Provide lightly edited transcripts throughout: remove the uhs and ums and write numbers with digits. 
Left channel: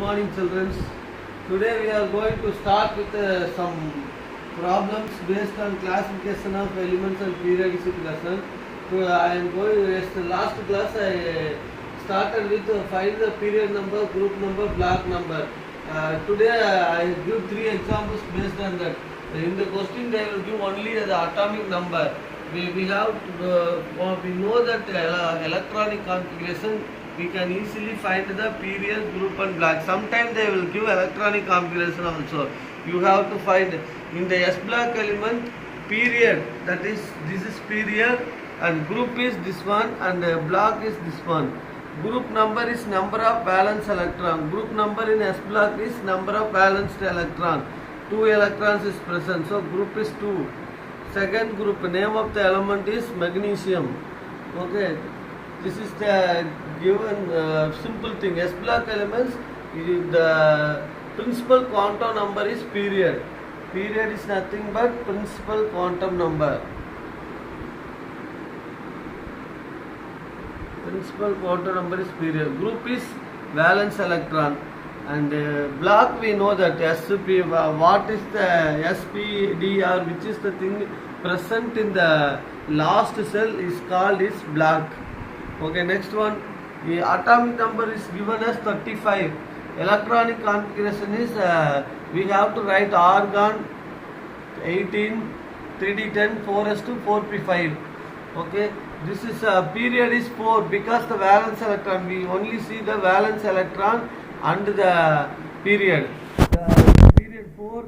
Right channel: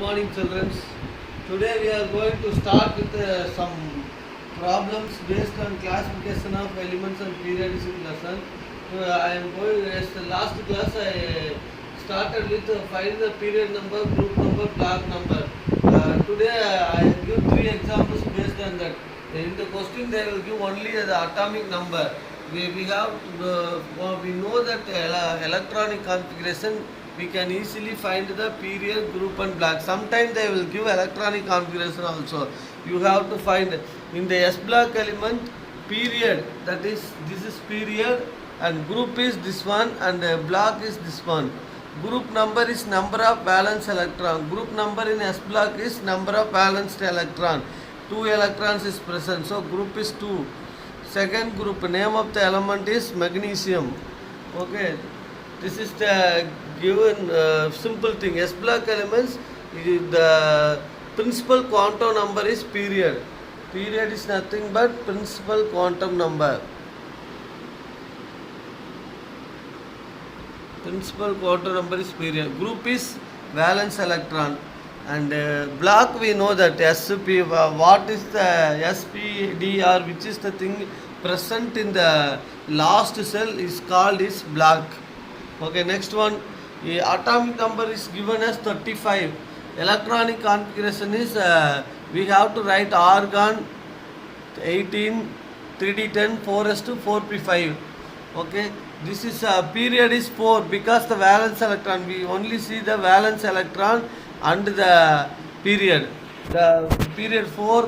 Good morning, children. Today we are going to start with some problems based on classification of elements and periodicity lesson. I am going as the last class. I started with find the period number, group number, block number. Today I give three examples based on that. In the question they will give only the atomic number. We have we know that electronic configuration we can easily find the period, group and block. Sometimes they will give electronic configuration also. You have to find in the S block element period, that is this is period, and group is this one, and block is this one. Group number is number of valence electron. Group number in S block is number of balanced electron. 2 electrons is present, so group is 2. Second group, name of the element is magnesium. Okay, this is the given simple thing. S block elements, the principal quantum number is period. Period is nothing but principal quantum number. Principal quantum number is period. Group is valence electron. And block we know that SP, what is the SPDR, which is the thing present in the last cell is called is block. Okay, next one, the atomic number is given as 35. Electronic configuration is we have to write argon 18, 3d10, 4s2, 4p5. Okay, this is period is 4 because the valence electron, we only see the valence electron and the period. The period 4,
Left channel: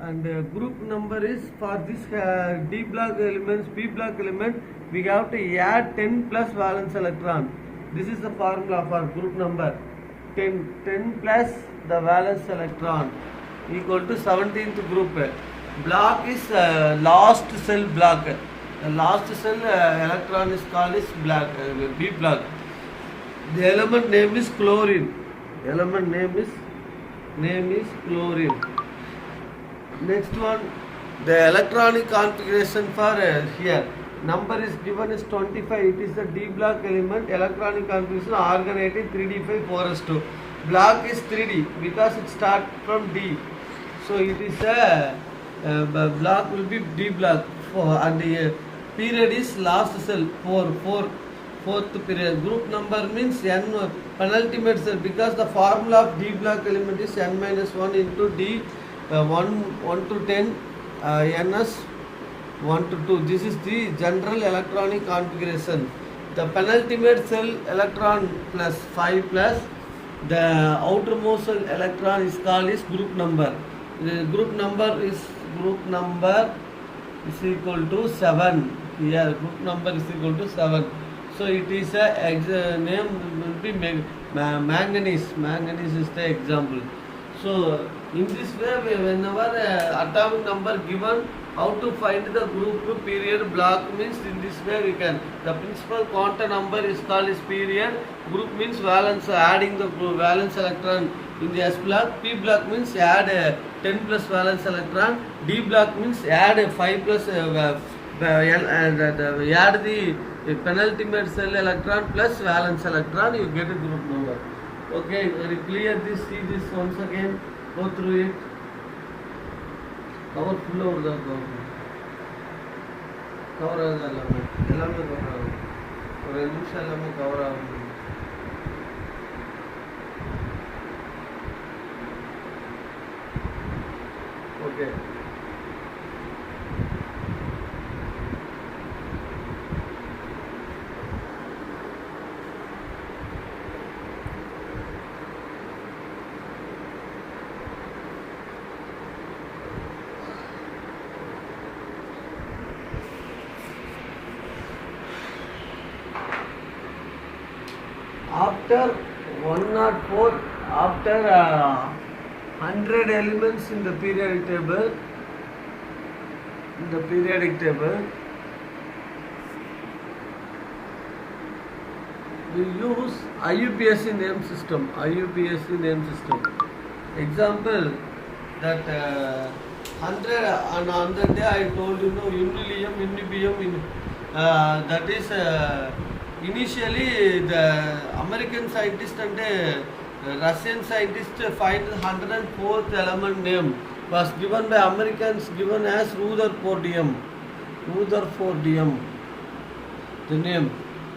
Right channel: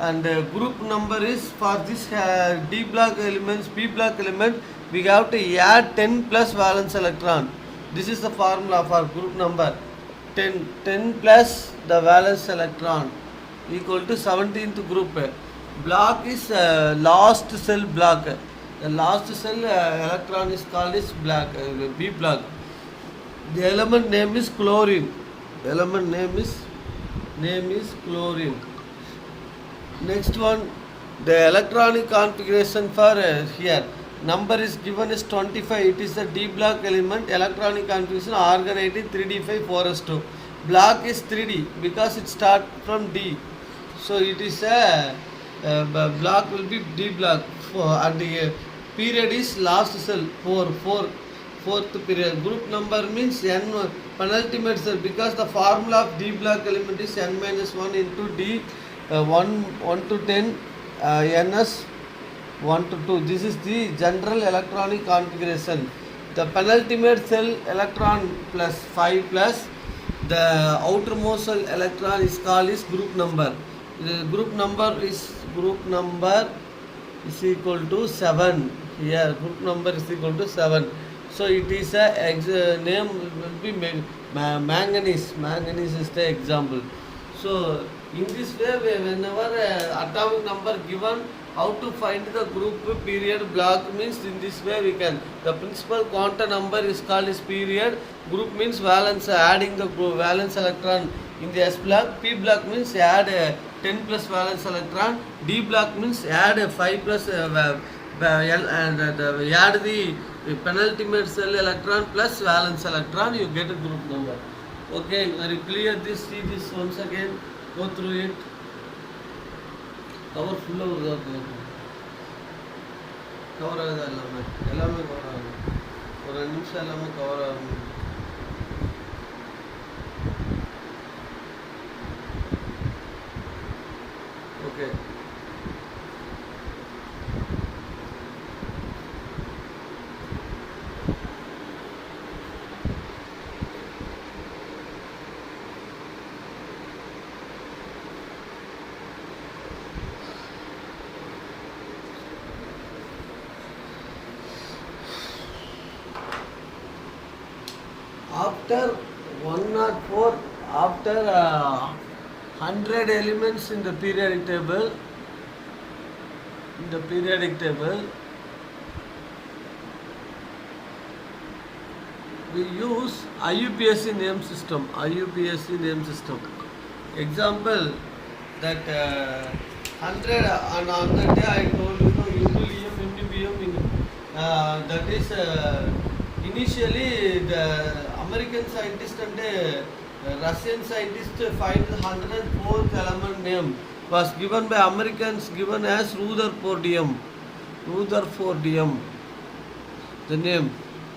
and group number is for this D block elements, P block element, we have to add 10 plus valence electron. This is the formula for group number. 10 plus the valence electron equal to 17th group. Block is last cell block. The last cell electron is called is block, B block. The element name is chlorine. Element name is chlorine. Next one, the electronic configuration for here. Number is given as 25. It is a D block element. Electronic configuration argon 18, 3d5, 4s2. Block is 3d because it starts from D. So it is a block will be D block. And the period is last cell 4th period. Group number means n penultimate cell, because the formula of D block element is n minus 1 into D 1 to 10 ns 1 to 2. This is the general electronic configuration. The penultimate cell electron plus 5 plus the outermost cell electron is called is group number. The group number is equal to 7. Here group number is equal to 7. So it is a name will be manganese. Manganese is the example. So in this way, whenever atomic number given, how to find the group, period, block means in this way we can. The principal quantum number is called is period. Group means valence, adding the valence electron in the S block. P block means add 10 plus valence electron. D block means add 5 plus and add the penultimate cell electron plus valence electron, you get a group number. Okay, clear this, see this once again, go through it. Cover full over the cover எல்லாமே cover ஆகும். ஒரு 2 நிமிஷம் எல்லாமே cover ஆகும். Okay. After 104, after 100 elements in the periodic table, we use IUPAC name system. Example, that 100 on that day I told you no unilium, unibium, that is initially the American scientist and Russian scientist find the 104th element name was given by Americans given as Rutherfordium. Rutherfordium, the name.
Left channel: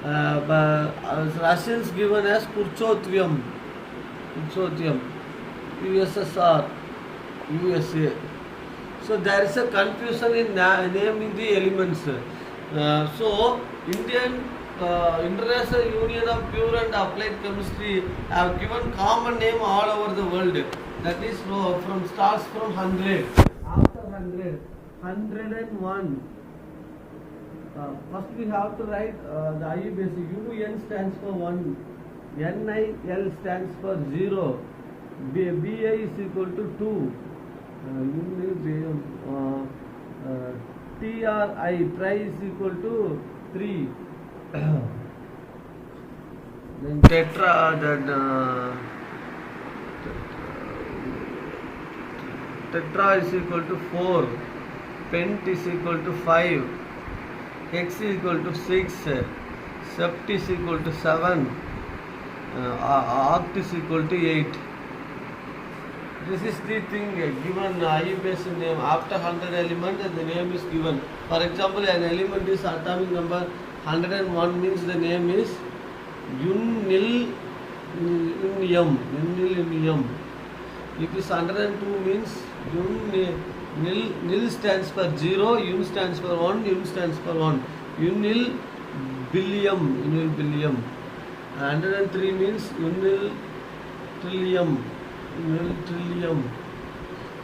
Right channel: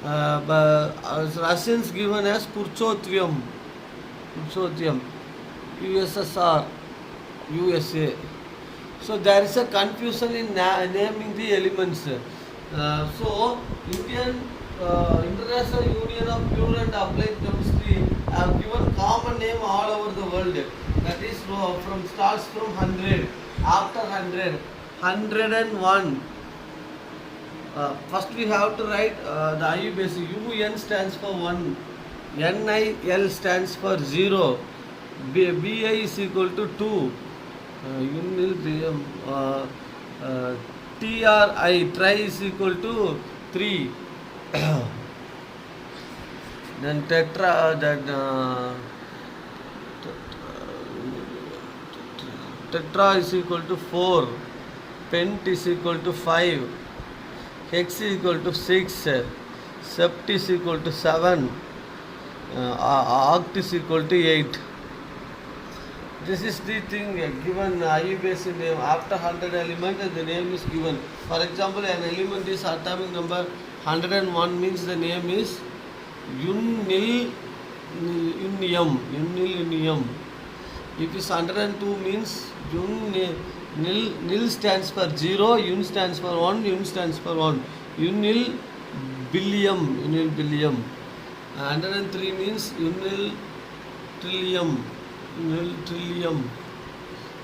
By Russians given as Purchothium. Purchothium. USSR. USA. So there is a confusion in naming the elements. So Indian International Union of Pure and Applied Chemistry have given common name all over the world. That is from starts from 100. After 100, 101. First we have to write the IUPAC. UN stands for 1. NIL stands for 0. BI is equal to 2. TRI, tri is equal to 3. Then tetra, tetra is equal to 4. Pent is equal to 5. Hex is equal to 6. Sept is equal to 7. Oct is equal to 8. This is the thing given IUPAC name. After 100 elements, the name is given. For example, an element is atomic number 101 means the name is unilunium. Unilunium. If it is 102 means nil stands for 0, un stands for 1, un stands for 1. Unil billium. Unil billium. 103 means unil trillium. Unil trillium.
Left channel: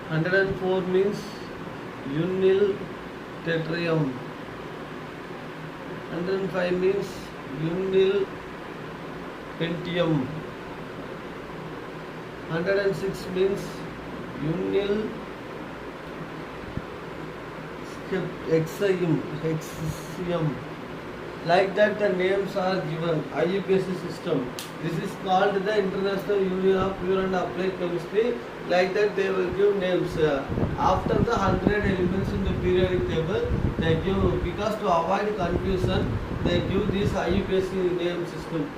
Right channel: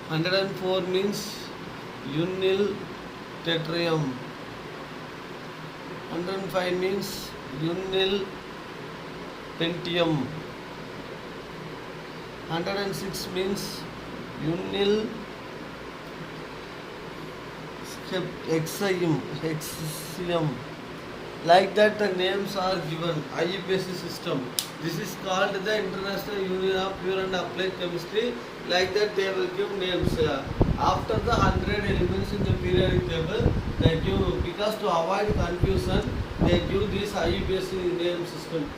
104 means unil tetrium. 105 means unil pentium. 106 means unil hexium. Like that the names are given. IUPAC system. This is called the International Union of Pure and Applied Chemistry. Like that they will give names. After the 100 elements in the periodic table, they give, because to avoid confusion, they give this IUPAC name system.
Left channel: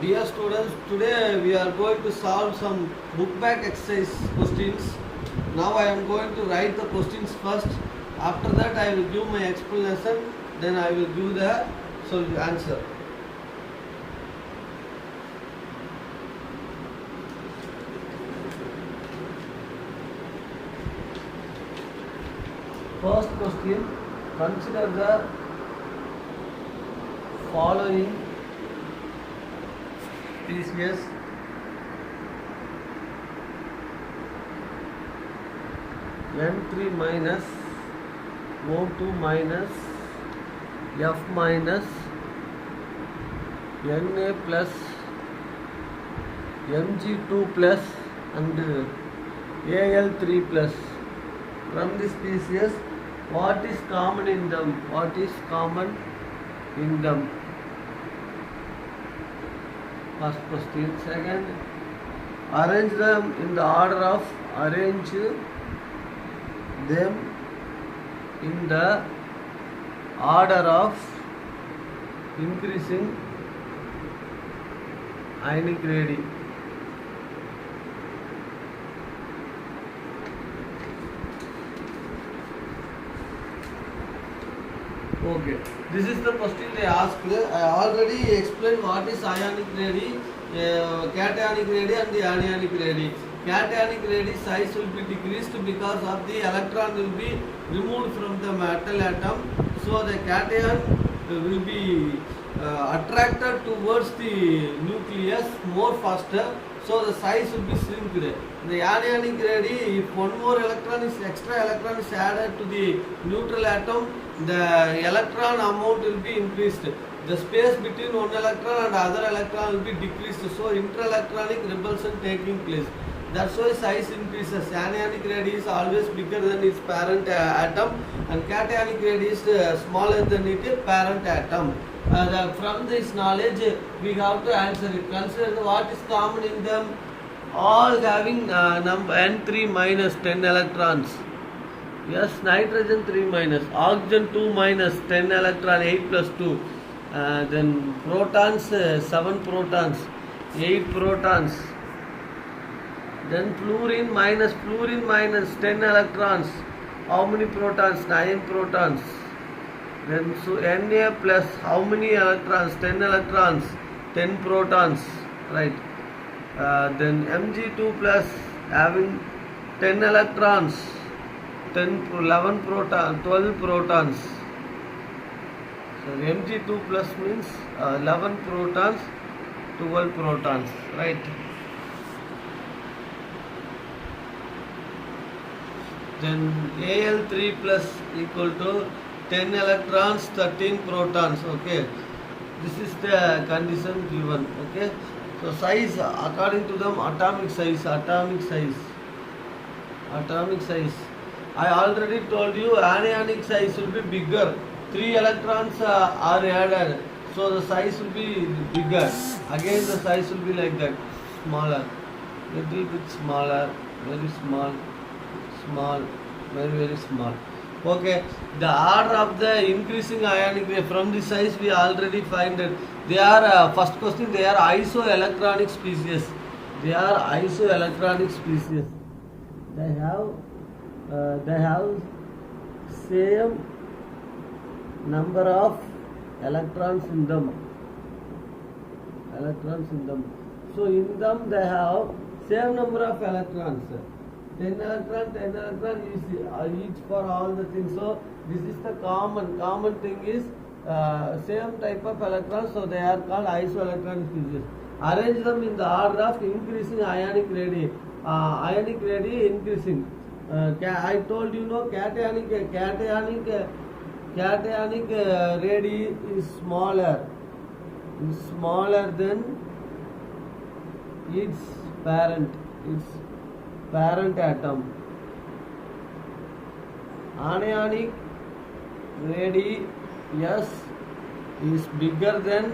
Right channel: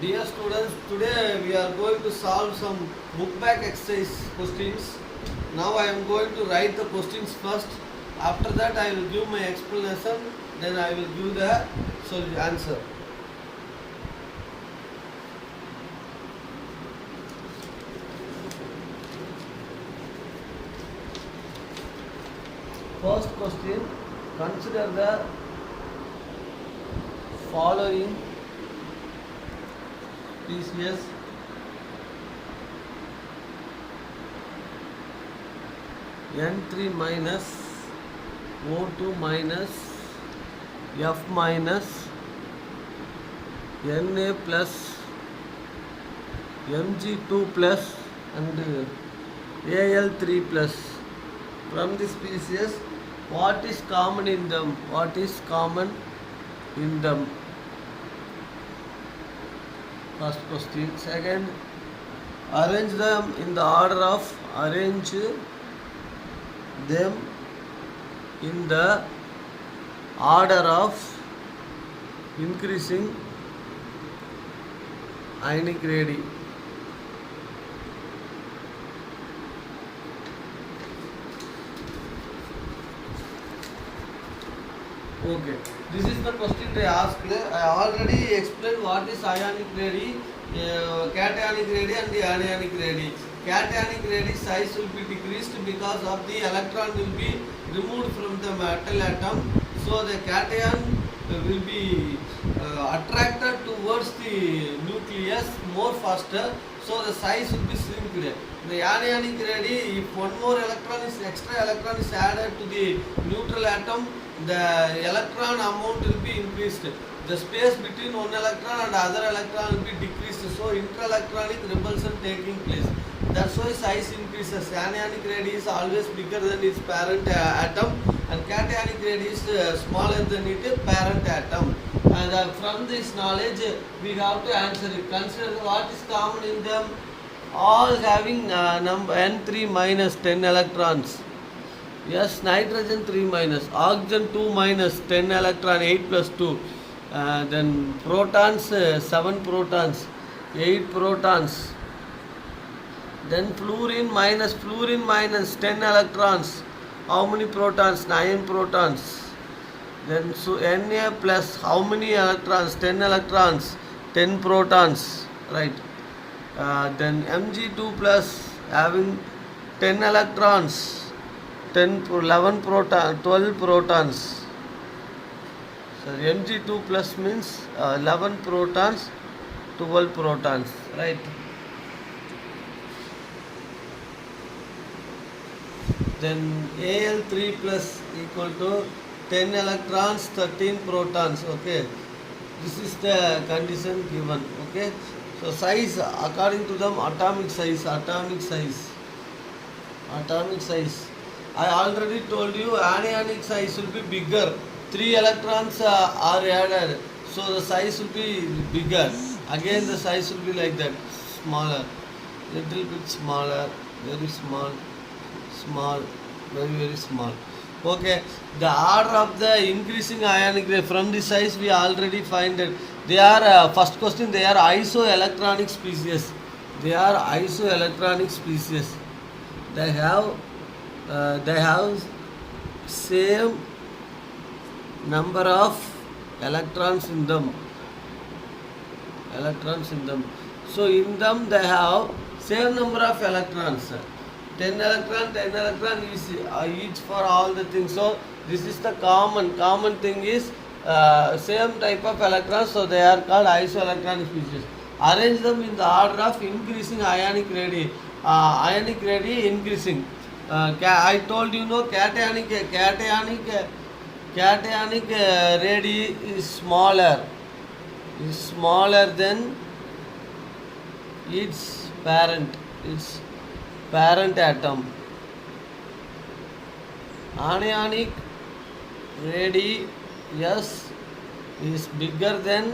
Dear students, today we are going to solve some book back exercise questions. Now I am going to write the questions first. After that I will give my explanation. Then I will give the answer. First question, consider the following species N3 minus O2 minus F minus Na plus Mg2 plus and Al3 plus. From this species, what is common in them? What is common in them? First question. Second, arrange them in the order of increasing ionic radii. Okay, this is the question they asked. I already explained what is ionic radii, cationic radii and the anionic radii. Cationic radii size will be decreased because of the electron will be removed from the metal atom. So the cation will be attracted towards the nucleus more faster. So the size will be shrinked. The anionic radii, if one more extra electron is added to the neutral atom, the electron amount will be increased. the space between one electron and other electron will be decreased. So inter-electronic repulsion taking place. That's why size increases. Anionic radii is always bigger than its parent atom, and cationic radii is smaller than its parent atom. From this knowledge, we have to answer it. Consider what is common in them. All having number N3 minus 10 electrons. Yes, nitrogen 3 minus, oxygen 2 minus, 10 electron, 8 plus 2. Then protons, 7 protons, 8 protons. Then fluorine minus 10 electrons. How many protons? 9 protons. Then so Na plus, how many electrons? 10 electrons, 10 protons. Right. Then Mg2 plus having 10 electrons, 11 proton, 12 protons. So Mg2 plus means 11 protons, 12 protons, right? Then Al3 plus equal to 10 electrons, 13 protons, okay? This is the condition given, okay? So size, according to them, atomic size. I already told you anionic size will be bigger. 3 electrons are added, so the size will be bigger. Again the size will be like that, smaller, little bit smaller, very small, very small. Okay, the order of the increasing ionic ray from the size we already find it. They are first question. They are isoelectronic species. They have same number of electrons in them. So in them they have same number of electrons. 10 electron is each for all the things. So this is the common thing is same type of electrons, so they are called isoelectronic species. Arrange them in the order of increasing ionic radii. Increasing. I told you no, cationic radii is smaller than its parent atom. Anionic radii, yes, is bigger than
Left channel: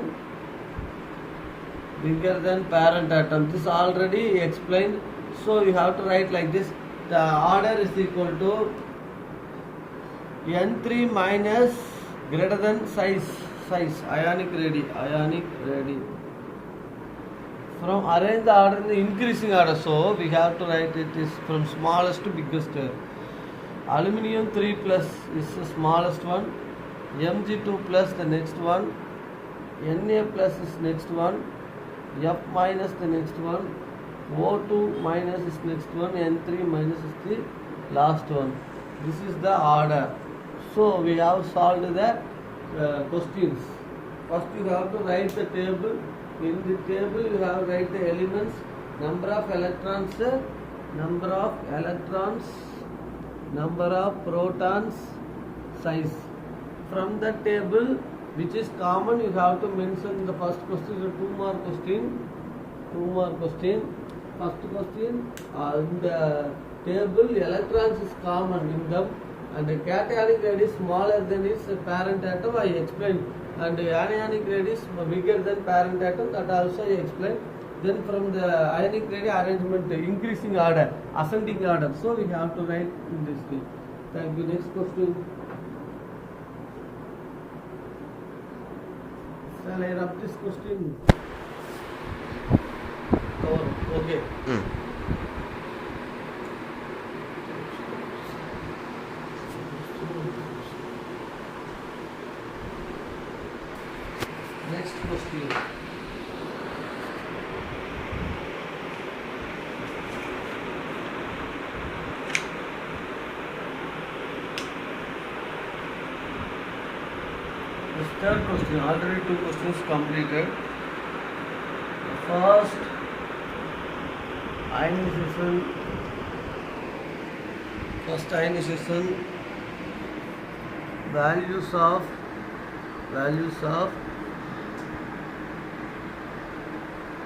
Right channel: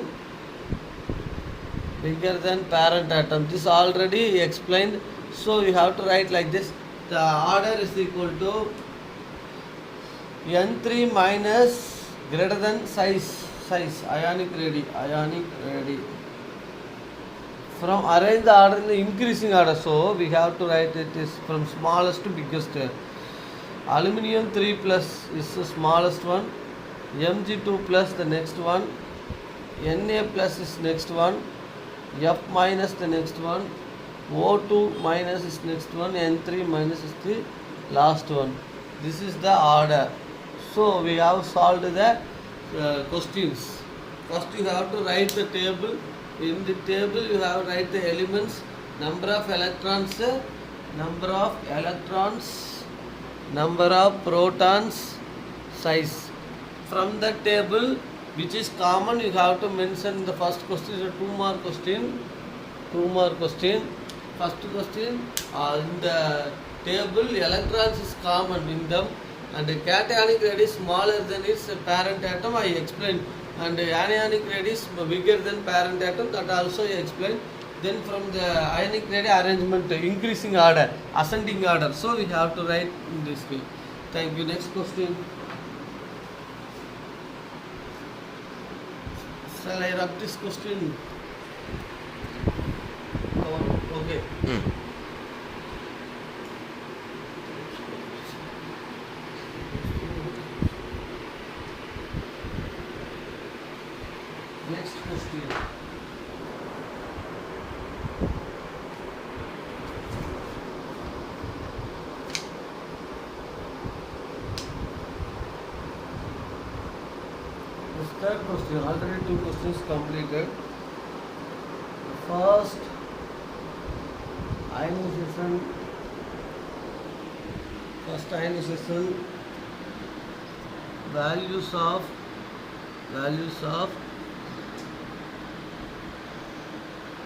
parent atom. This already explained. So you have to write like this. The order is equal to N3 minus greater than size ionic radii. From arrange the order in the increasing order. So we have to write it is from smallest to biggest. Aluminium 3 plus is the smallest one. Mg2 plus the next one. Na plus is next one. F minus the next one. O2 minus is next one. N3 minus is the last one. This is the order. So we have solved the questions. First you have to write the table. In the table you have to write the elements, number of electrons, number of protons, size. From the table which is common you have to mention the first question is a 2 mark question. First question, in the table electrons is common in them, and the cationic radii is smaller than its parent atom, I explained, and the anionic radii is bigger than parent atom, that also I explained. Then from the ionic radii arrangement, the increasing order, ascending order, so we have to write in this way. Thank you. Next question. Shall I rub this question? Oh, okay. Next question. The third question, already 2 questions completed. First, ionization, values of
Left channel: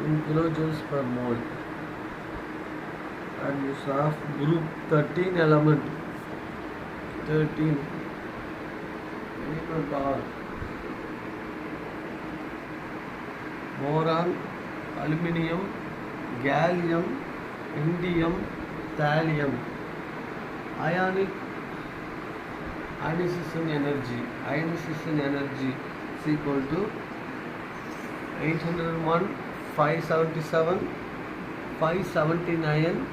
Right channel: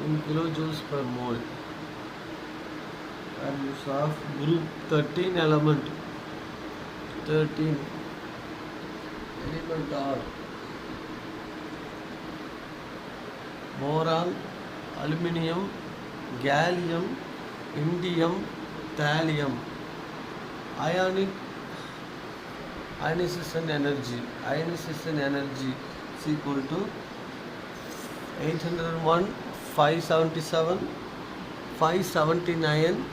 in kilojoules per mole. And you have group 13 element. 13 element are boron, aluminium, gallium, indium, thallium. Ionization energy is equal to 801, 577, 579,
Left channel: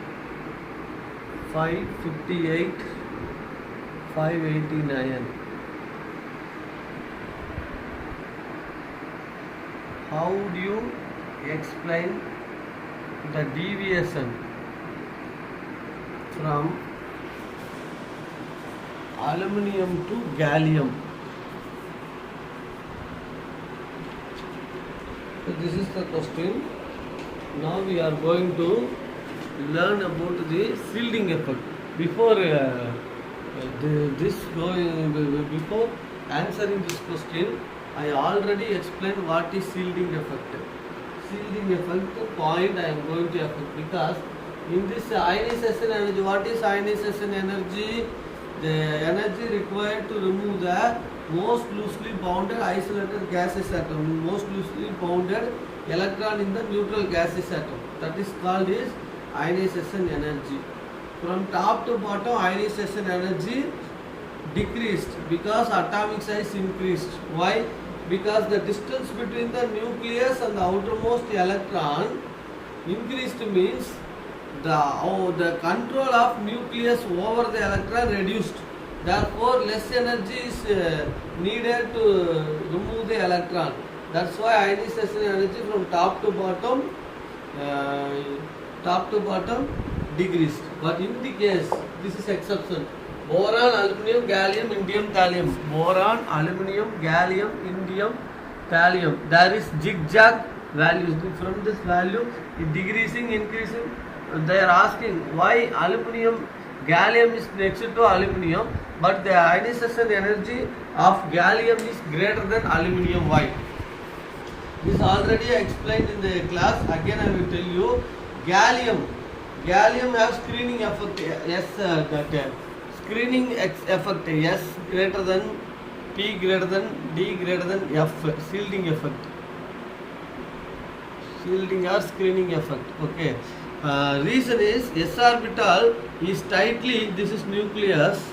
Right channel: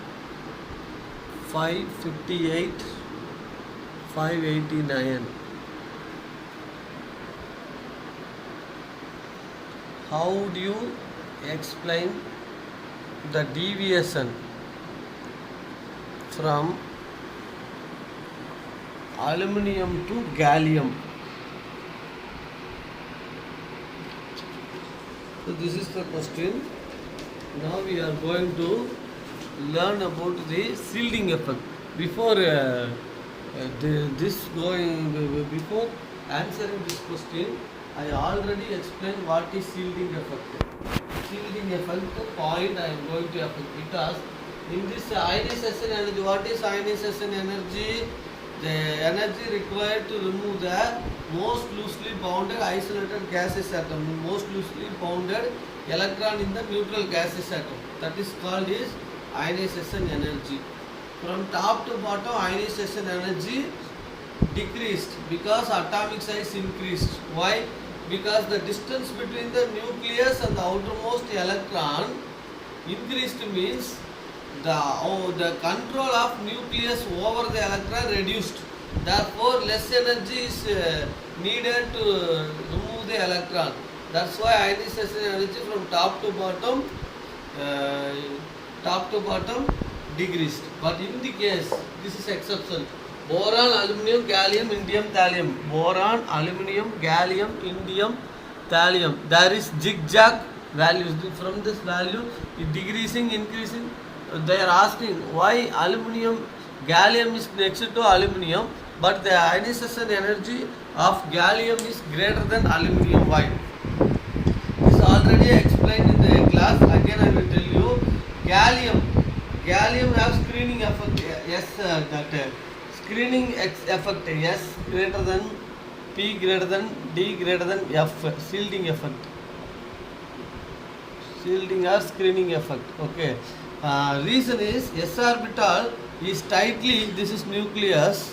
558, 589. How do you explain the deviation from aluminum to gallium? So this is the question. Now we are going to learn about the shielding effect. Before before answering this question, I already explained what is shielding effect. Shielding effect point I am going to affect, because in this ionization energy, what is ionization energy? The energy required to remove the most loosely bounded isolated gaseous atom, most loosely bounded electron in the neutral gaseous atom. That is called is ionization energy. From top to bottom, ionization energy decreased because atomic size increased. Why? Because the distance between the nucleus and the outermost electron increased, means the control of nucleus over the electron reduced. Therefore, less energy is needed to remove the electron. That's why ionization energy from top to bottom decreased. But in the case, this is exception. Boron, aluminium, gallium, indium, thallium. Boron, aluminium, gallium, indium, thallium. There is zigzag values. From this value, it decreasing, increasing. They are asking why gallium is next to aluminium, but the ionization energy of gallium is greater than aluminium. Why? This is already explained in the class. Again, I will tell you. Gallium has screening effect. Yes, screening effect. S greater than P greater than D greater than F. Shielding effect. Shielding or screening effect. Okay. Reason is s orbital is tightly, this is nucleus,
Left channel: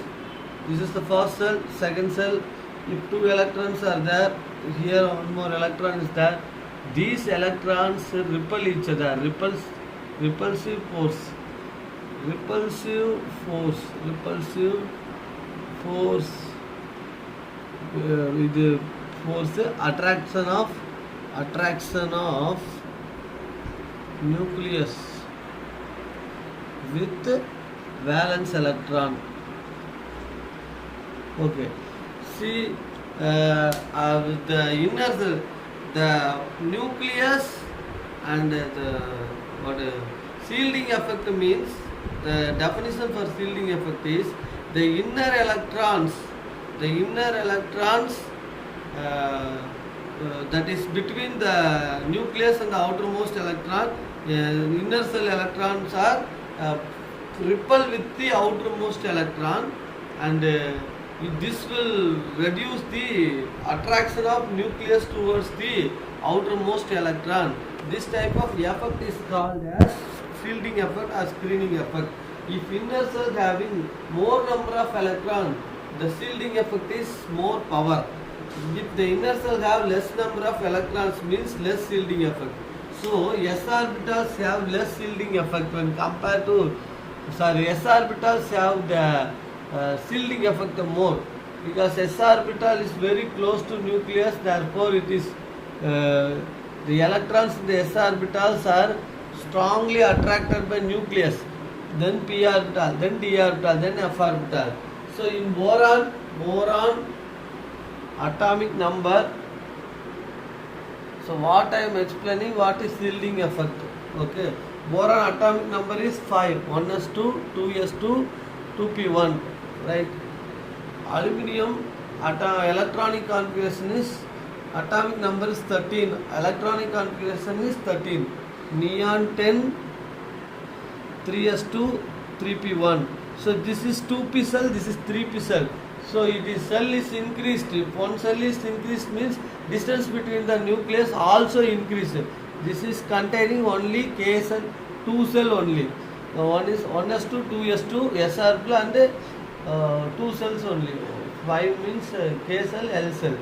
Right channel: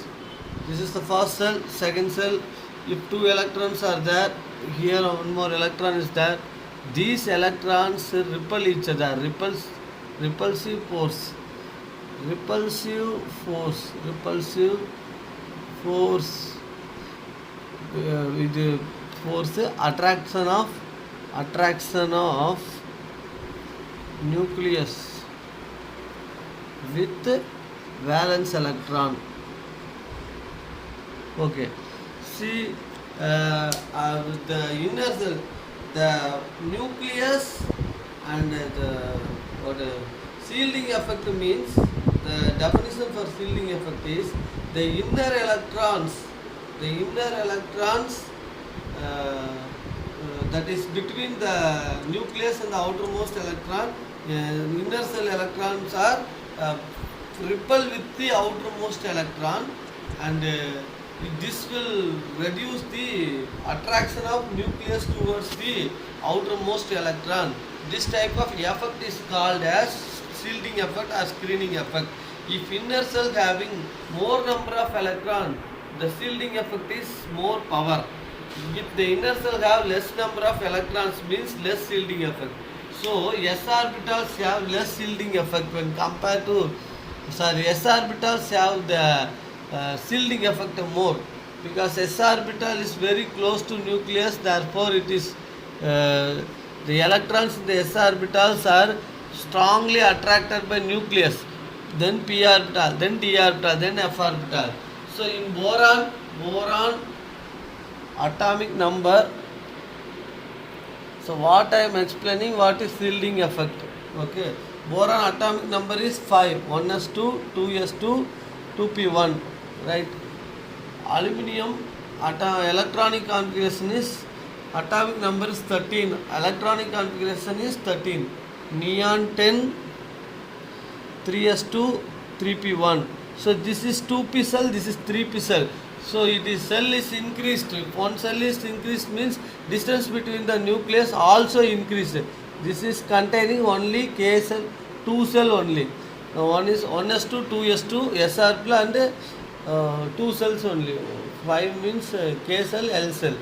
this is the first cell, second cell. If two electrons are there, here one more electron is there, these electrons repel each other. Repulsive force with force attraction of nucleus with valence electron. Okay. See, the inner cell, the nucleus and shielding effect means, the definition for shielding effect is the inner electrons that is between the nucleus and the outermost electron. Inner cell electrons are repel with the outermost electron, and this will reduce the attraction of nucleus towards the outermost electron. This type of effect is called as shielding effect or screening effect. If inner cell having more number of electrons, the shielding effect is more power. If the inner cell have less number of electrons, means less shielding effect. So s orbitals have less shielding effect when compared to s orbitals have the shielding effect more, because s orbital is very close to nucleus. Therefore, it is the electrons in the s orbitals are strongly attracted by nucleus, then p orbital, then d orbital, then f orbital. So in boron atomic number. So what I am explaining, what is shielding effect. Okay. Boron atomic number is 5. 1s2, 2s2, 2p1. Right. Aluminium electronic configuration is, atomic number is 13. Electronic configuration is 13. neon 10, 3s2, 3p1. So this is 2p cell, this is 3p cell. So it is cell is increased. If one cell is increased means distance between the nucleus also increased. This is containing only K cell, 2 cell only. One is 1s2, 2s2, SR and 2 cells only. 5 means K cell, L cell.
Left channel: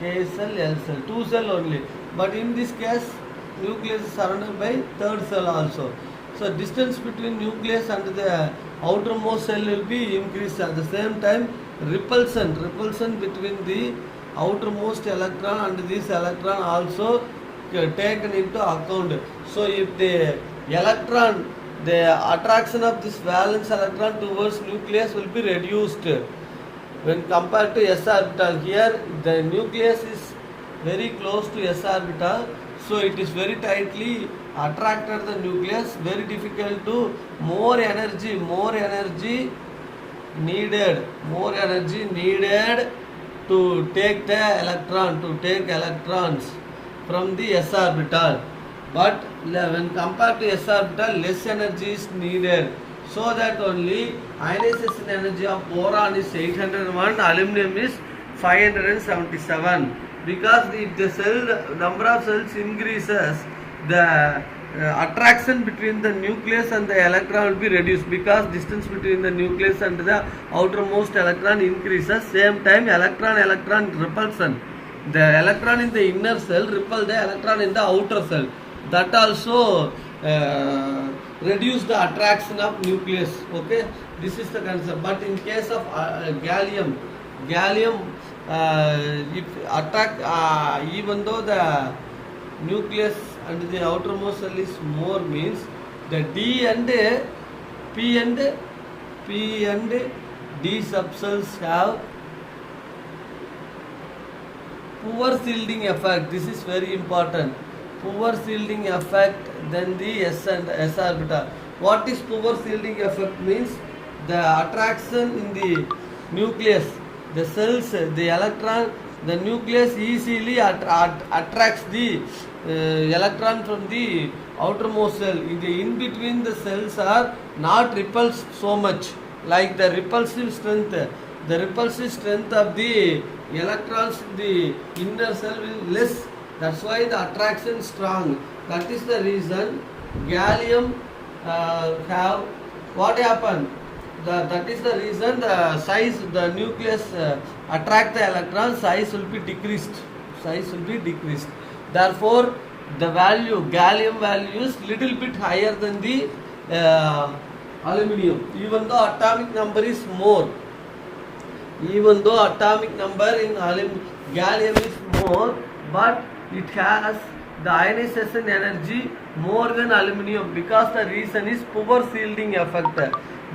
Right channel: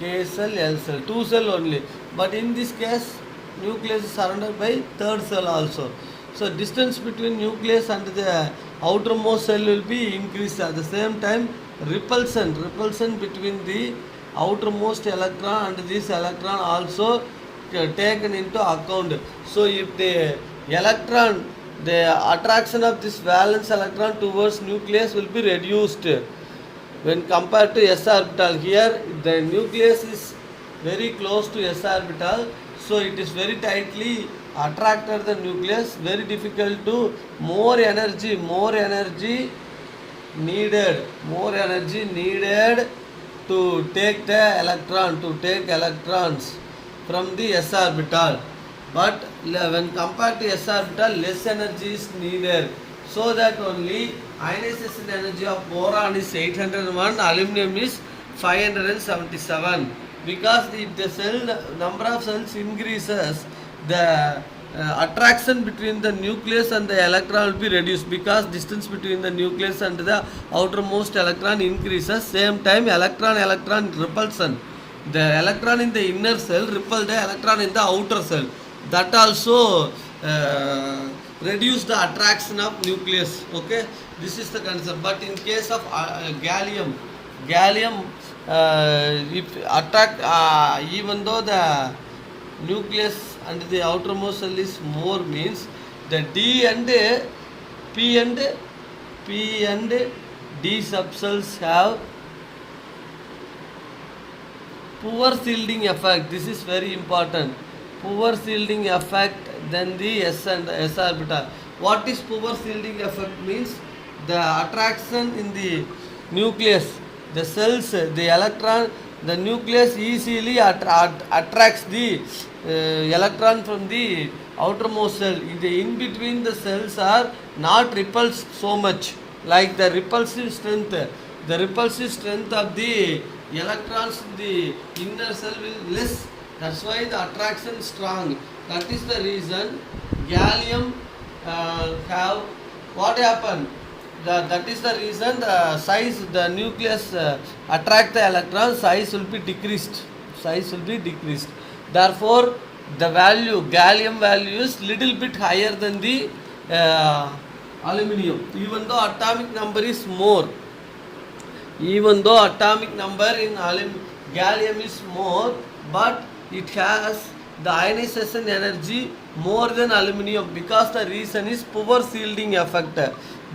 K cell, L cell, 2 cell only. But in this case, nucleus is surrounded by third cell also. So distance between nucleus and the outermost cell will be increased. At the same time, repulsion between the outermost electron and this electron also taken into account. So if the electron, the attraction of this valence electron towards nucleus will be reduced when compared to s orbital. Here the nucleus is very close to s orbital, so it is very tightly attracted the nucleus, very difficult to more energy needed to take the electrons from the s orbital. But when compared to s orbital, less energy is needed. So that only ionization energy of boron is 801, aluminum is 577. Because if the cell number of cells increases, the attraction between the nucleus and the electron will be reduced, because distance between the nucleus and the outermost electron increases. Same time, electron repulsion. The electron in the inner cell repel the electron in the outer cell. That also reduce the attraction of nucleus. Okay, this is the concept. But in case of gallium, if attack, even though the nucleus and the outermost cell is more, means the D and P and D subcells have poor shielding effect. This is very important. Poor shielding effect than the s and s orbital. What is poor shielding effect? Means the attraction in the nucleus, the cells, the electron, the nucleus easily attracts the electron from the outermost cell. In between the cells are not repulsed so much, like the repulsive strength. The repulsive strength of the electrons in the inner cell will less. That's why the attraction strong. That is the reason gallium have what happened. That is the reason the size, the nucleus attract the electron, size will be decreased. Therefore, the value, gallium value is little bit higher than the aluminum. Even though atomic number is more. Even though atomic number in gallium is more, but it has the ionization energy more than aluminum, because the reason is poor shielding effect.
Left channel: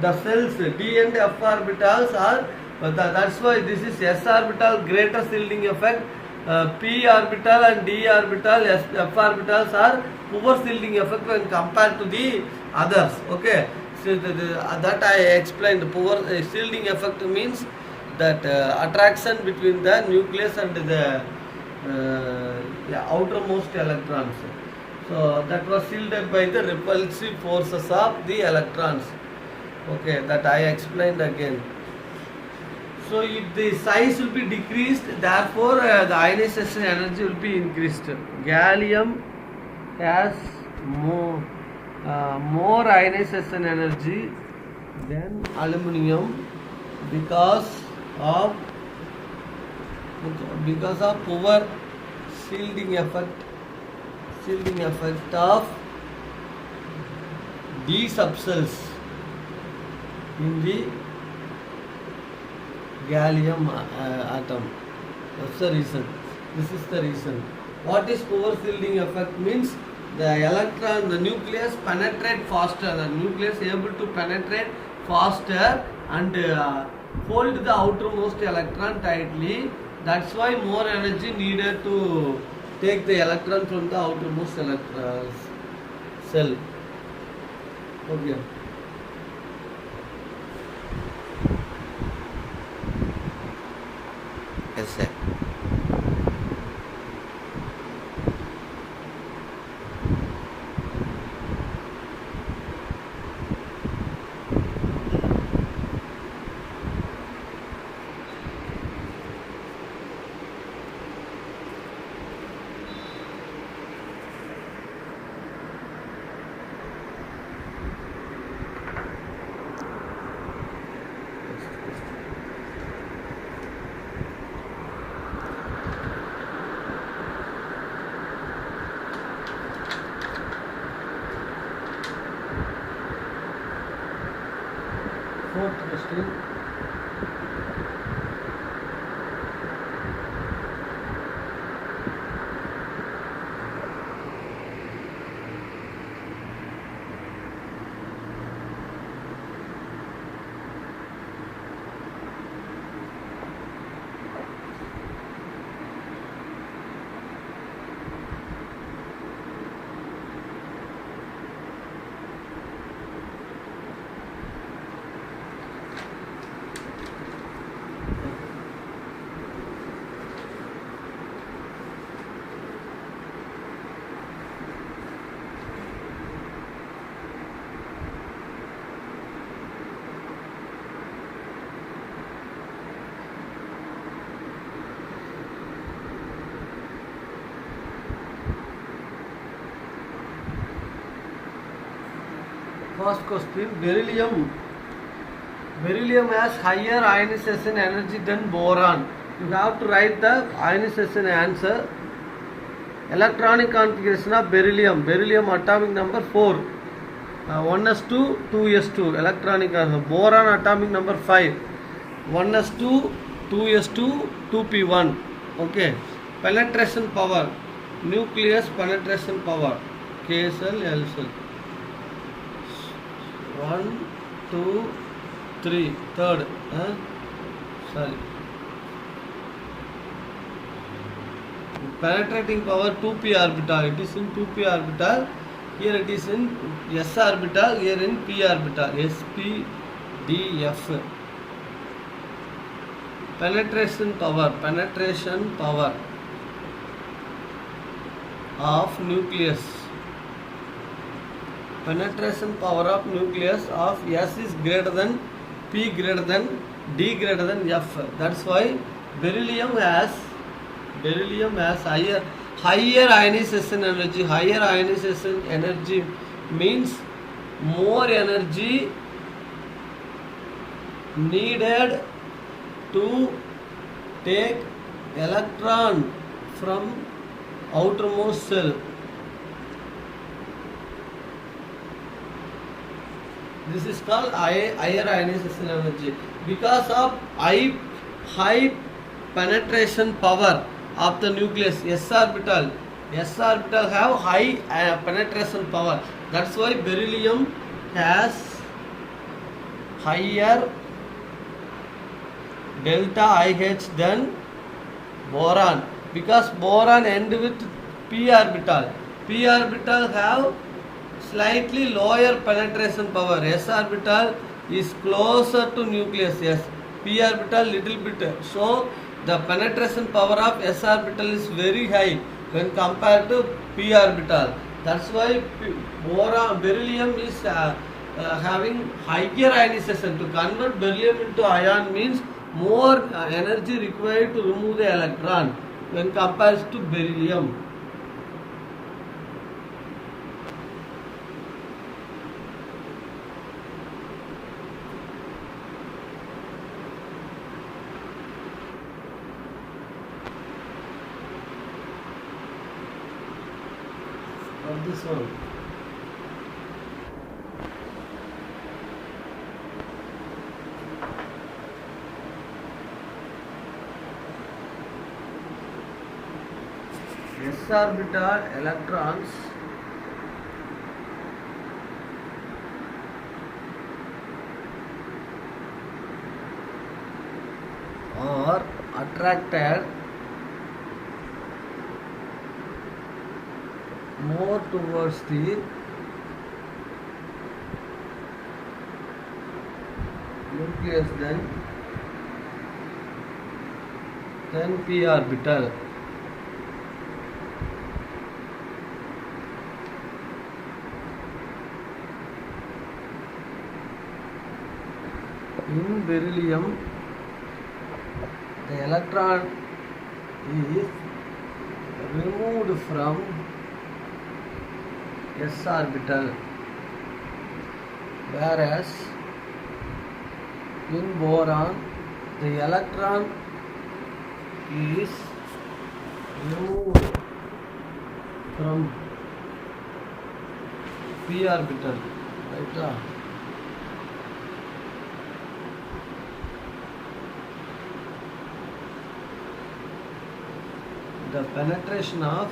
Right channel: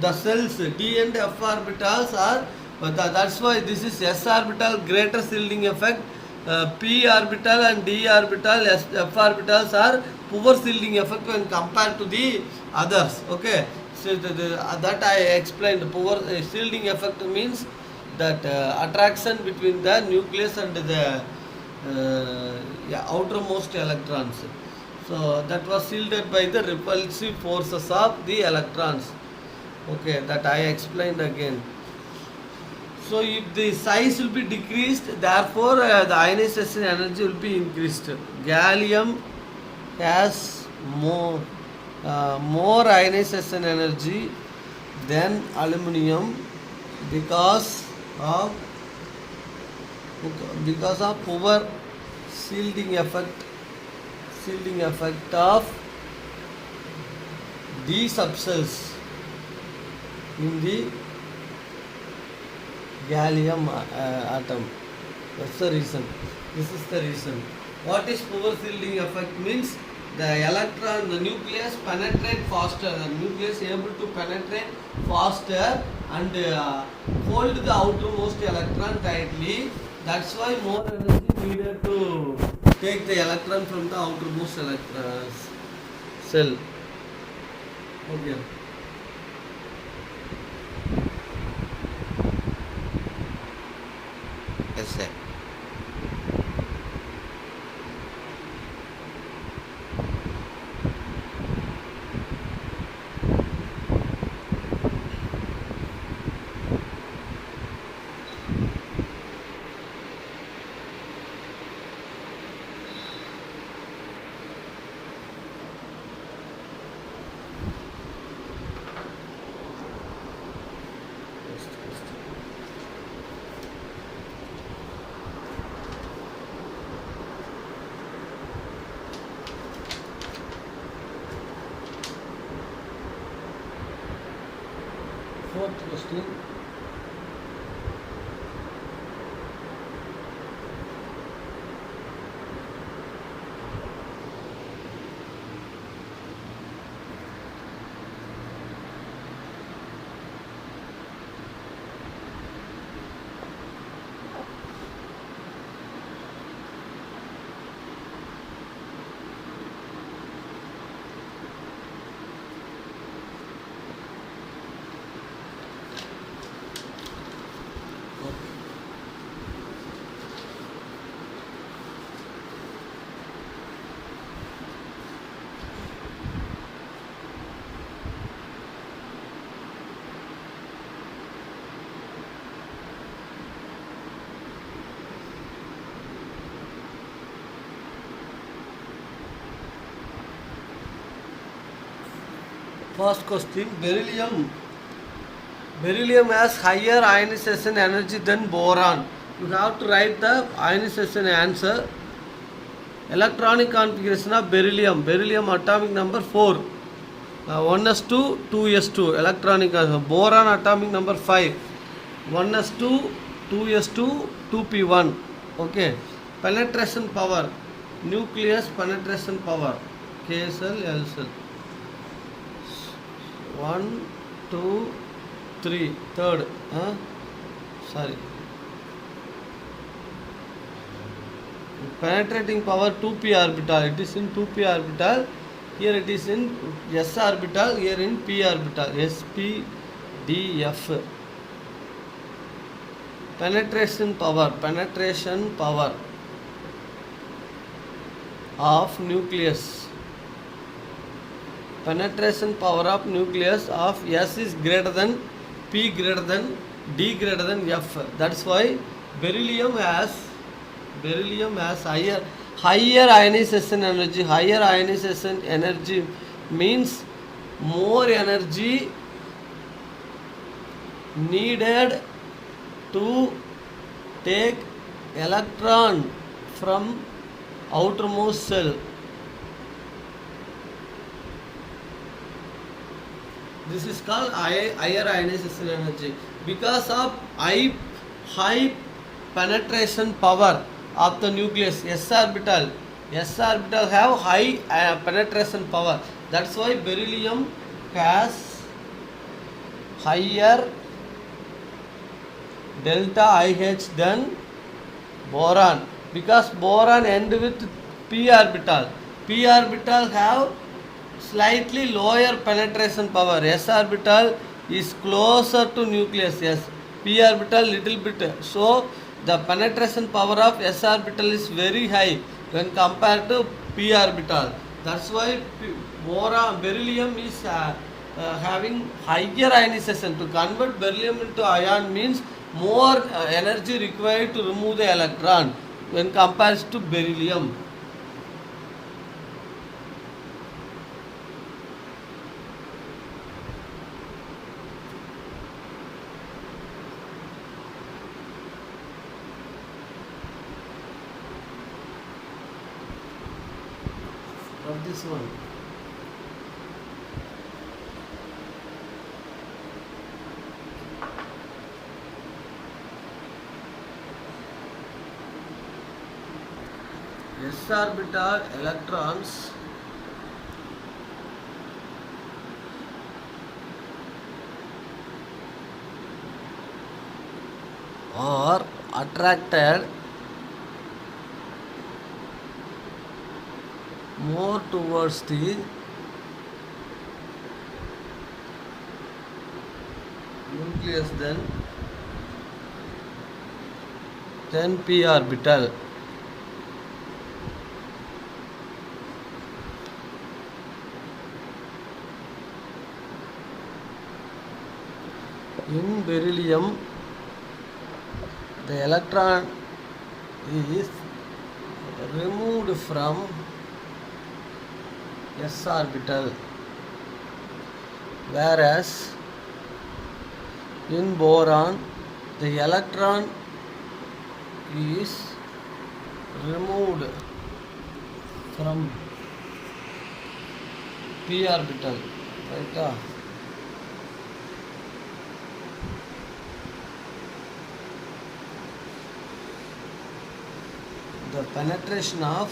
The cells D and F orbitals are, that's why this is s orbital greater shielding effect. P orbital and D orbital, F orbitals are poor shielding effect when compared to the others. Okay, so that I explained. Poor shielding effect means that attraction between the nucleus and the outermost electrons. So that was shielded by the repulsive forces of the electrons. Okay, that I explained again. So if the size will be decreased, therefore the ionization energy will be increased. Gallium has more ionization energy than aluminum because of poor shielding effect of D subcells in the gallium atom. That's the reason. This is the reason. What is poor shielding effect? Means the electron, the nucleus penetrate faster. The nucleus is able to penetrate faster and hold the outermost electron tightly. That's why more energy needed to take the electron from the outermost cell. Okay. Yes, sir. Fourth question. First question, beryllium. Beryllium has higher ionization energy than boron. You have to write the ionization answer. Electronic configuration of beryllium. Beryllium atomic number 4. 1s2, 2s2. Electronic boron atomic number 5. 1s2, 2s2, 2p1. Okay. Penetration power. Nucleus penetration power. K cell, L cell. 1, 2, 3. Third. Sorry. Penetrating power 2p orbital. It is in 2p orbital. Here it is in s orbital. Here in p orbital. S, P, D, F. Penetration power. Penetration power of nucleus. Penetration power of nucleus of S is greater than P greater than D greater than F. That's why beryllium has higher ionization energy. Higher ionization energy means more energy needed to take electron from outermost cell. This is called higher ionization energy. Because of high penetration power of the nucleus, s orbital have high penetration power. That's why beryllium has higher delta IH than boron, because boron end with p orbital. P orbital have slightly lower penetration power. S orbital is closer to nucleus. Yes, p orbital little bit. So the penetration power of s orbital is very high when compared to p orbital. That's why beryllium is having higher ionization. To convert beryllium into ion means more energy required to remove the electron when compared to beryllium. Of this one. S orbital electrons are attracted more towards the nucleus than p orbital. In beryllium, the electron is removed from s orbital, whereas in boron the electron is removed from p orbital, right? penetration of,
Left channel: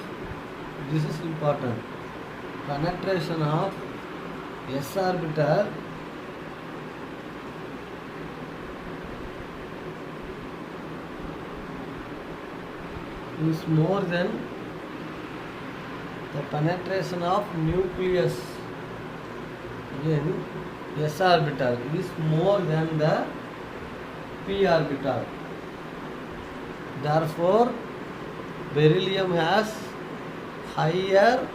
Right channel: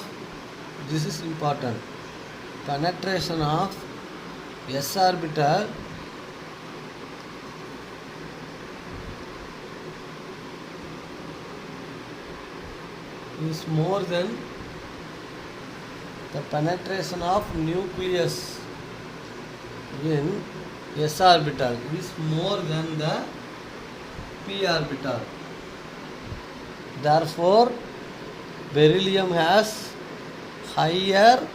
this is important, penetration of s orbital is more than the penetration of nucleus in s orbital is more than the p orbital. Therefore, beryllium has higher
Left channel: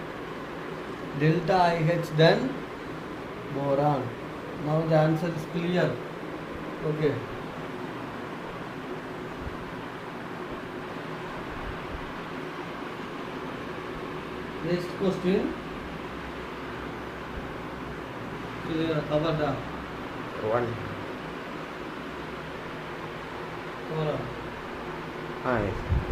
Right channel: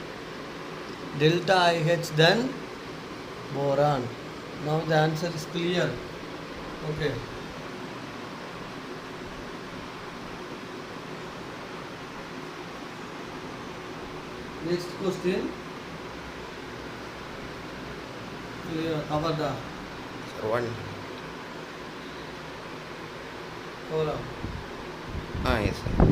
delta IH than boron. Now the answer is clear. Okay. Next question. Clear. Avada. One. Kora. Yes, sir.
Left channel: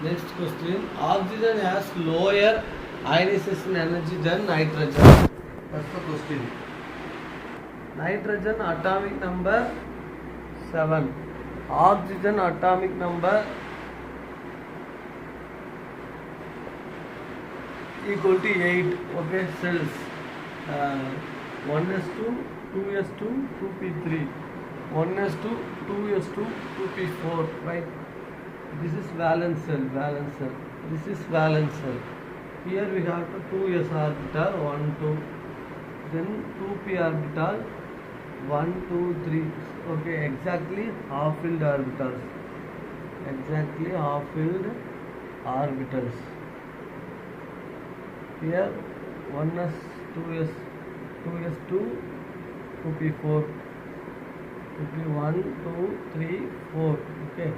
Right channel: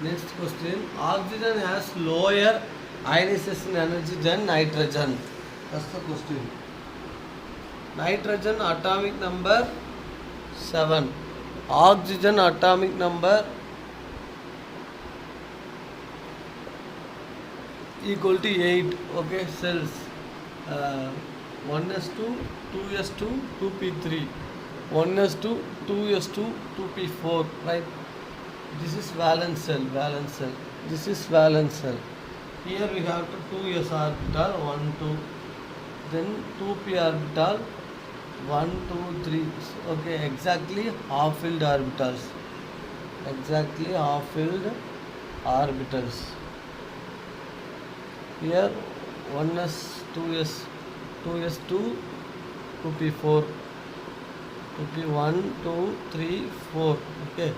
Next question. Oxygen has lower ionization energy than nitrogen. That's the question. Nitrogen atomic number 7. Oxygen atomic number equal to 8. Okay, cells. 1s2, 2s2, 2p3. 1s2, 2s2, 2p4. Right? This is valence cell, valence cell. This is valence cell. Here we have 2s orbital, 1, 2. Then 2p orbital, 1, 2, 3. Okay, exactly half-filled orbitals. Exactly half-filled orbitals. Here 1s, 2s, 2s2, 2p4, 2p1, 2, 3, 4. Okay.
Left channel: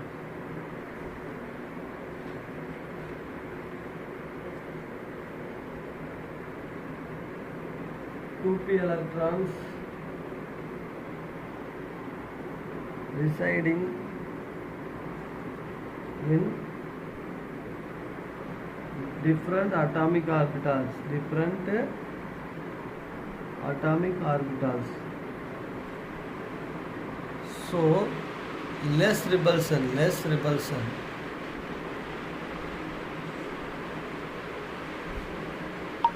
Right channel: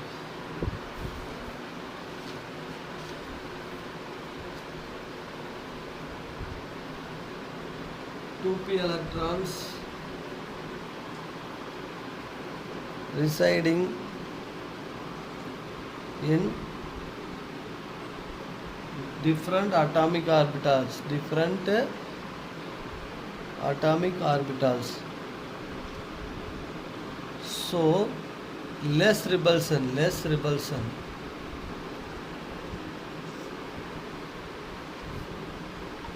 Two p electrons residing in different atomic orbitals. Different atomic orbitals. So less repulsion, less repulsion.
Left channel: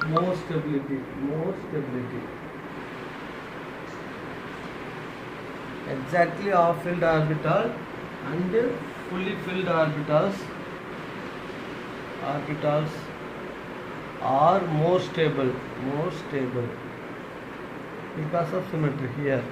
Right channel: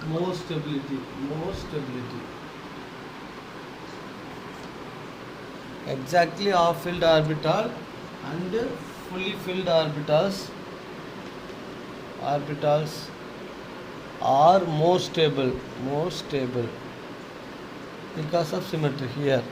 More stability, more stability. Exactly half-filled orbital and fully filled orbitals are more stable because of symmetry here.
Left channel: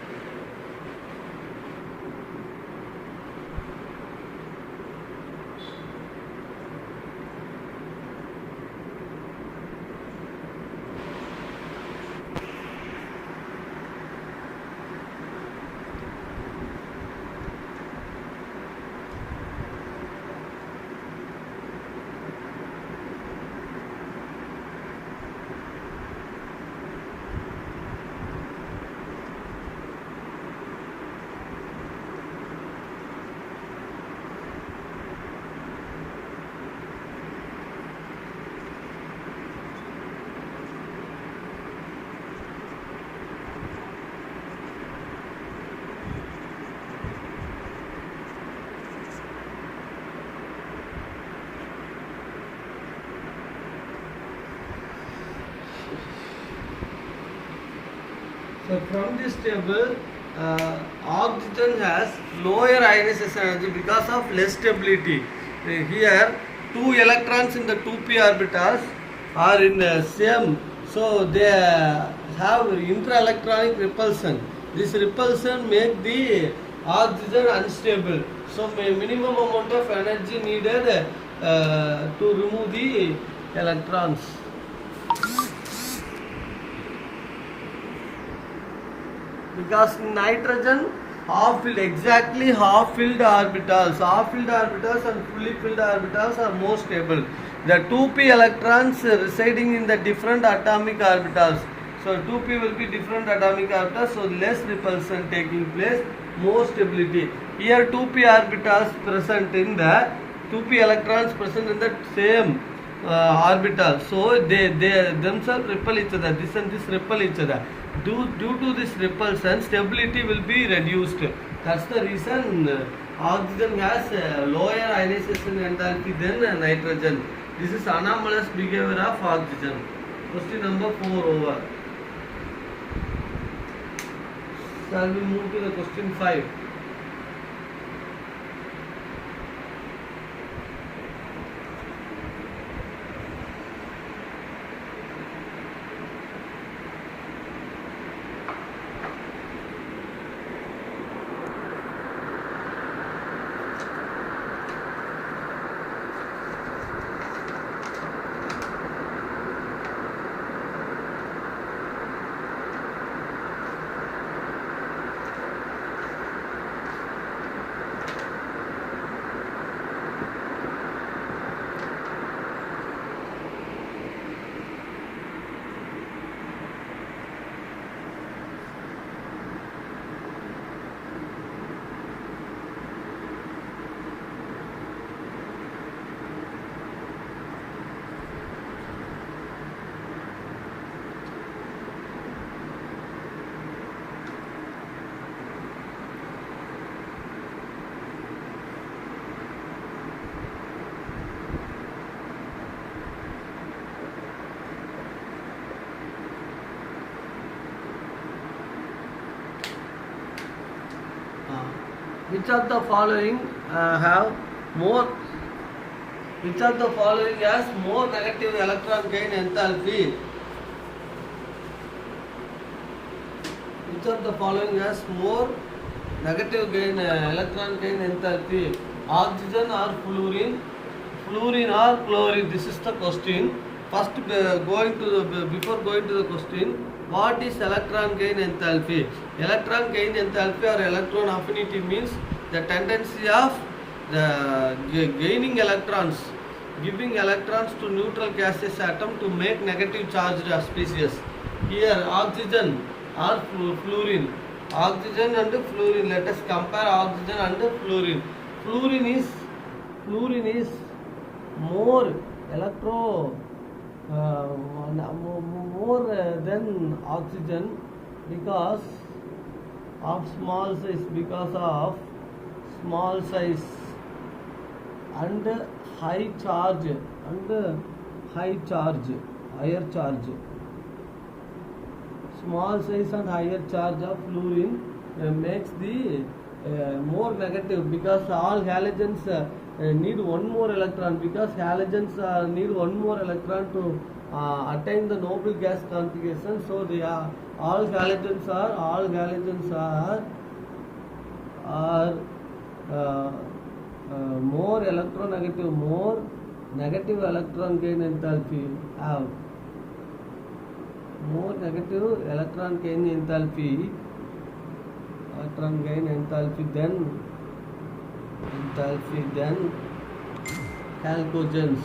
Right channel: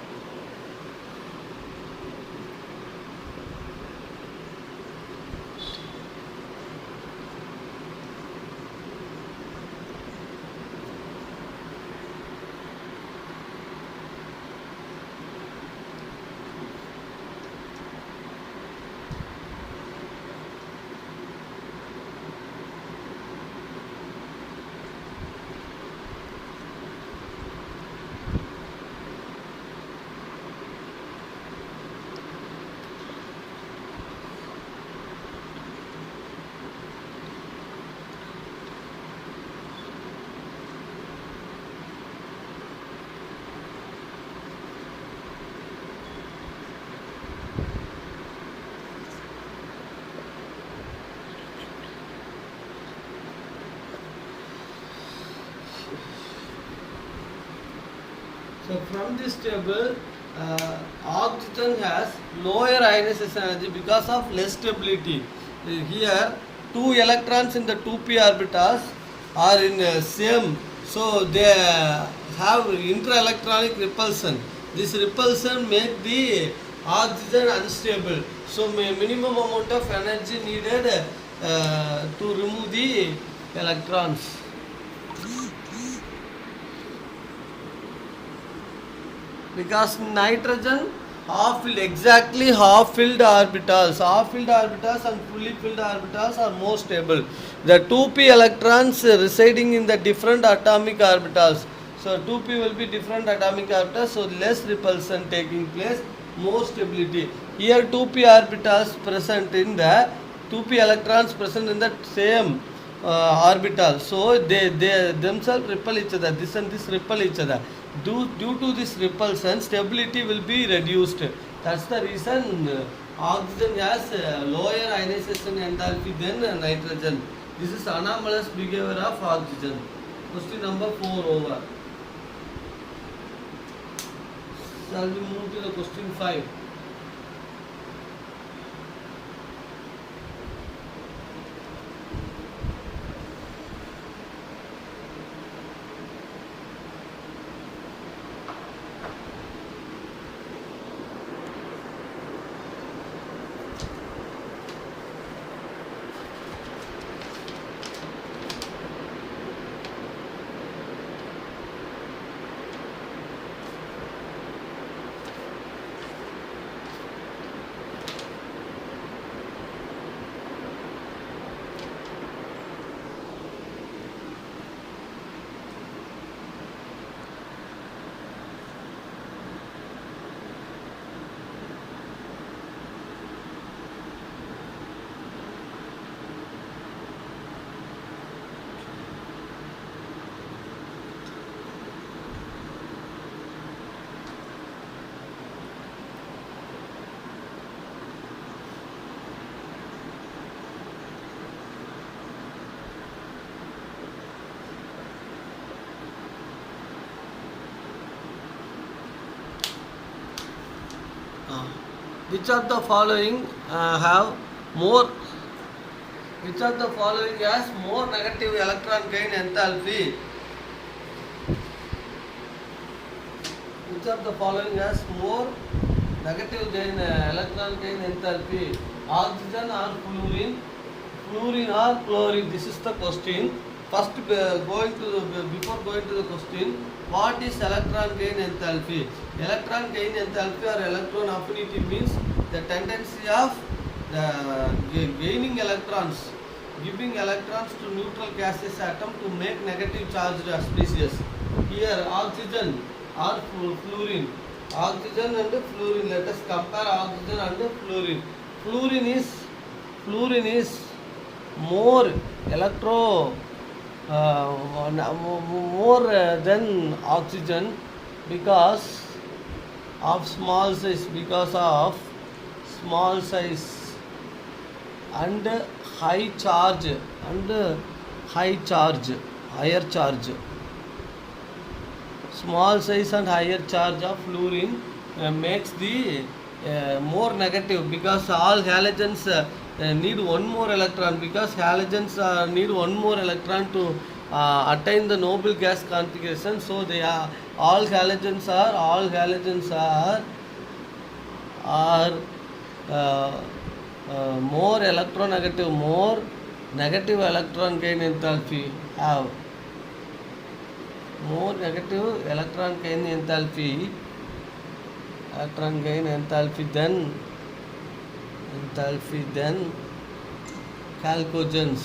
So from this table, oxygen has lower ionization energy because of less stability. Here, 2 electrons in the 2p orbitals are in same, so they have inter-electronic repulsion. This repulsion makes the oxygen unstable. So minimum amount of energy needed to remove the electrons. Because nitrogen half-filled, exactly half-filled orbitals and fully filled orbitals are more stable. The 2p electrons residing in the different atomic orbitals. So 2p will be different atomic orbitals, so less repulsion taking place, more stability. Here 2p orbitals present in the 2p electrons present in the same orbital, so they themselves repel each other. This and this repel each other. Due to this repulsion, stability will be reduced. That's the reason oxygen has lower ionization enthalpy than nitrogen. This is anomalous behavior of oxygen. Question number 4 over. Shall we move to the question 5? Which of the following have more? Which of the following has more negative electron gain enthalpy? Which of the following has more negative gain electron gain enthalpy? Oxygen or fluorine? Fluorine or chlorine? This is the question. First, before going to the question, what is electron gain enthalpy? Electron gain enthalpy or electron affinity means the tendency of gaining electrons, giving electrons to neutral gaseous atom to make negative charged species. Here oxygen or fluorine. Oxygen and fluorine. Let us compare oxygen and fluorine. Fluorine is more more than oxygen because of small size, and higher charge. Small size and higher charge of fluorine makes the more negative, because all halogens need one more electron, because halogens need one more electron to attain the noble gas configuration. So they are all halogens are more electronegative, more negative electron gain enthalpy, have more negative electron gain enthalpy than chalcogens,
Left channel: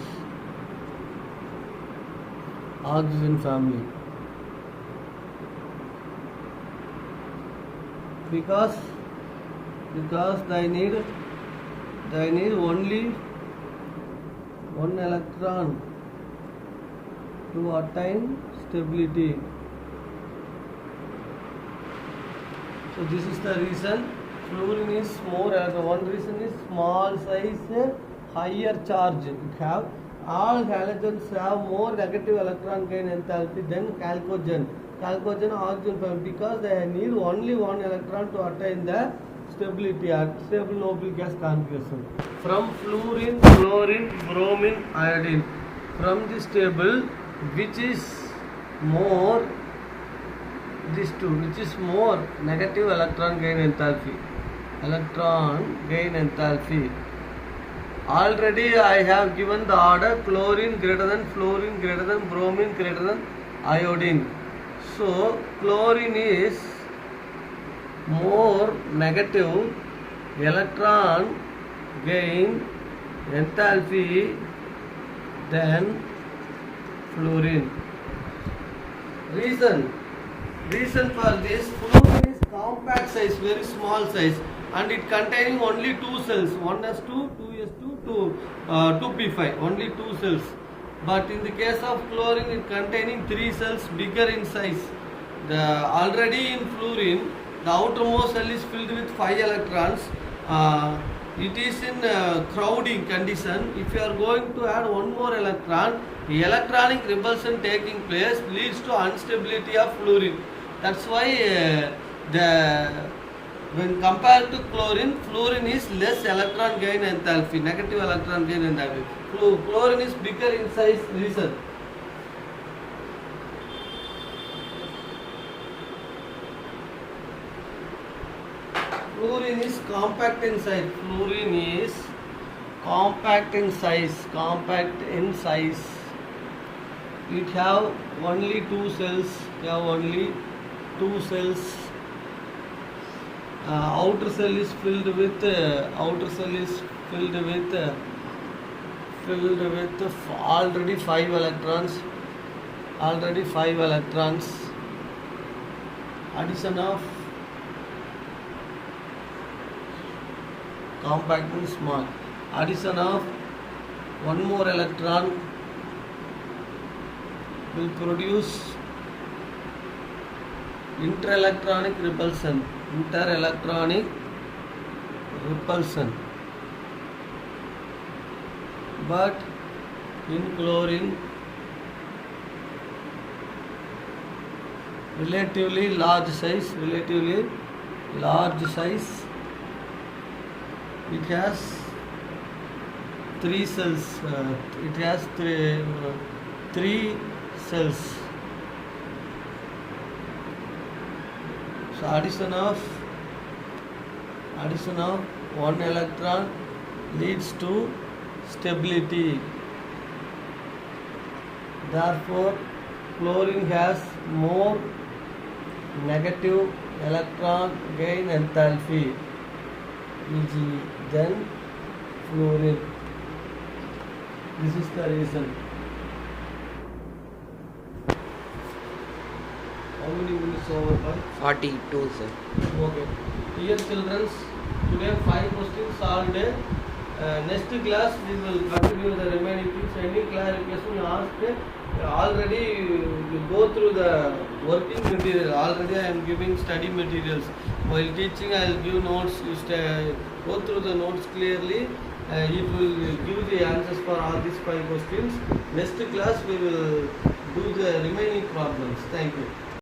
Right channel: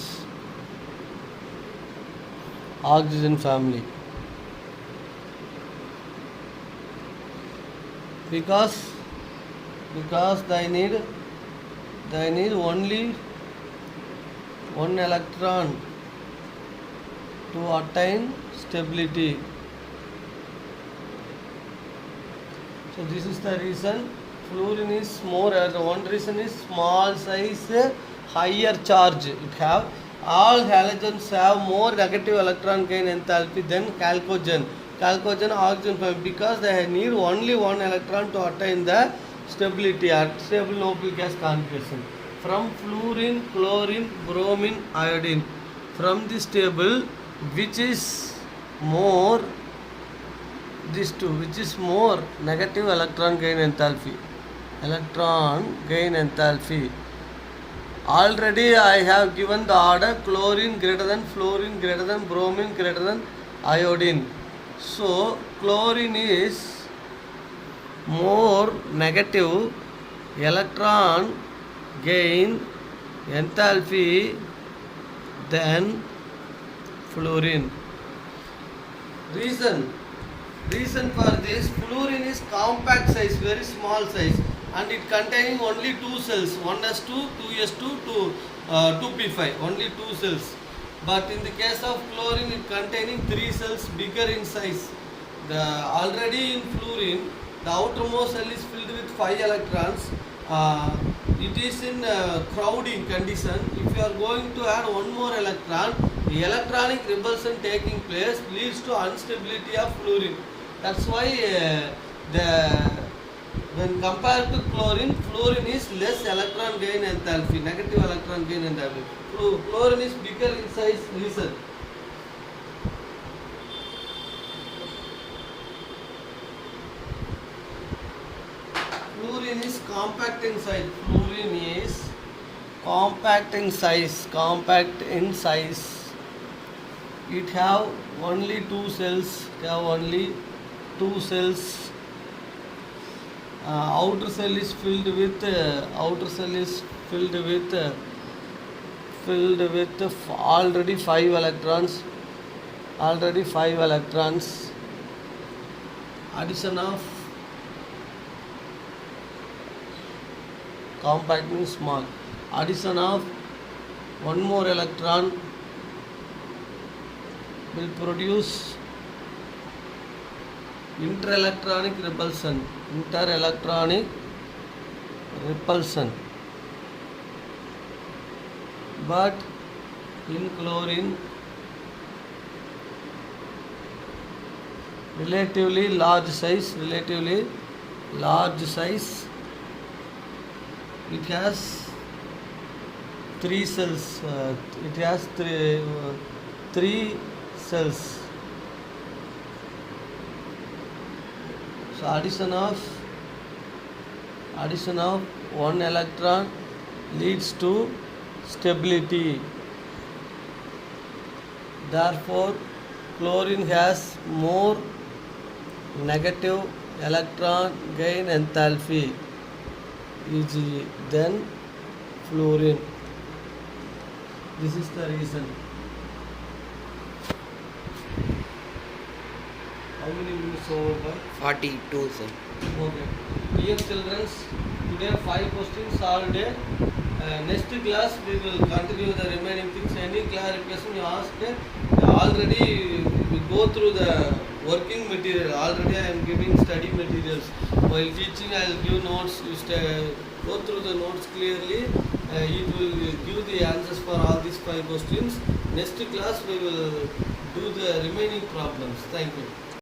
oxygen family, because they need only one electron to attain stability. So this is the reason fluorine is more. One reason is small size, higher charge. It have all halogens have more negative electron gain enthalpy than chalcogen, oxygen family, because they need only one electron to attain the stability at stable noble gas configuration. From fluorine, chlorine, bromine, iodine, from this table, which is more, these two, which is more negative electron gain enthalpy? Already I have given the order: chlorine greater than fluorine greater than bromine greater than iodine. So chlorine is more negative electron gain enthalpy than fluorine. Reason for this: fluorine is compact size, very small size, and it containing only two cells, 1s2, 2s2, 2p5, only two cells. But in the case of chlorine, it containing 3 cells bigger in size. The already in fluorine, the outermost cell is filled with 5 electrons. It is in crowding condition. If you are going to add one more electron, the electronic repulsion taking place leads to instability of fluorine. That's why the when compared to chlorine, fluorine is less electron gain enthalpy, negative electron gain enthalpy. Chlorine is bigger in size reason. Fluorine is compact in size. Fluorine is compact in size. Compact in size. It have only 2 cells. It have only 2 cells. Outer cell is filled with already 5 electrons. Already 5 electrons. Addition of compact means small. Addition of one more electron will produce interelectronic repulsion. Interelectronic repulsion. But in chlorine, relatively large size, it has 3 cells. It has three cells. So addition of one electron leads to stability. Therefore, chlorine has more negative electron gain enthalpy easily than fluorine. This is the reason. How many minutes over? 42, sir. Okay. Dear children, today 5 questions solved. Next class we will continue the remaining things. Any clarification you asked, already we go through the working material. Already I am giving study materials. While teaching I will give notes. You go through the notes clearly. It will give the answers for all these 5 questions. Next class we will do the remaining problems. Thank you.